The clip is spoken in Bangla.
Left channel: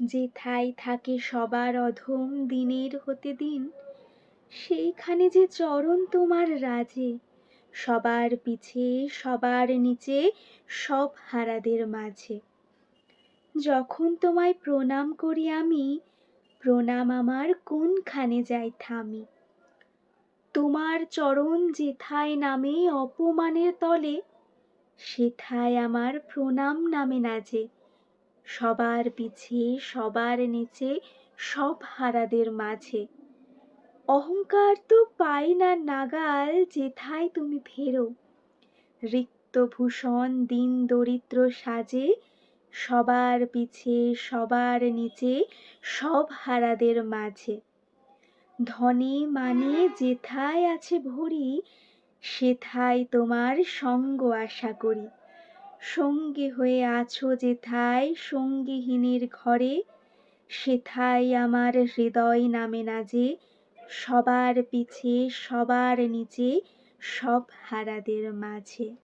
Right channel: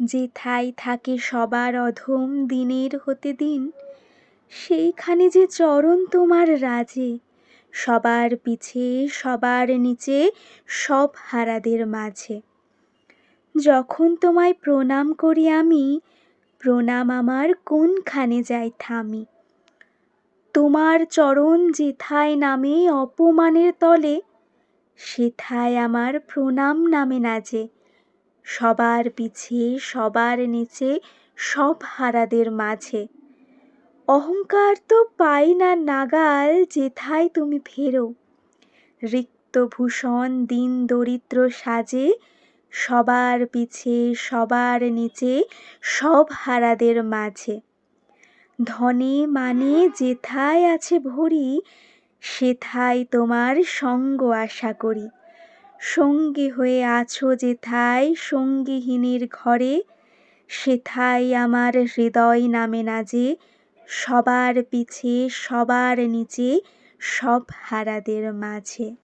যেথায় থাকে সবার অধম দিনের হতে দিন, সেইখানে যে চরণ তোমার রাজে, সবার পিছে সবার নিচে সব হারাদের মাঝে। যখন তোমায় প্রণাম করি আমি, প্রণাম আমার কোনখানে যায় থামি। তোমার চরণ যেথায় নামে অপমানের তলে, সেথায় আমার প্রণাম নামে না যে, সবার পিছে সবার নিচে সব হারাদের মাঝে। অহংকার তো পাই না নাগাল যেথায় তুমি ফেরো, রিক্ত ভূষণ দীন দরিদ্র সাজে, সবার পিছে সবার নিচে সব হারাদের মাঝে। ধনে মানে যেথায় আছে ভরি, সেথায় তোমার সঙ্গ আশা করি। সঙ্গী হয়ে আছো যেথায় সঙ্গীহীনের ঘরে, সেথায় আমার হৃদয় নামে না যে, সবার পিছে সবার নিচে সব হারাদের মাঝে।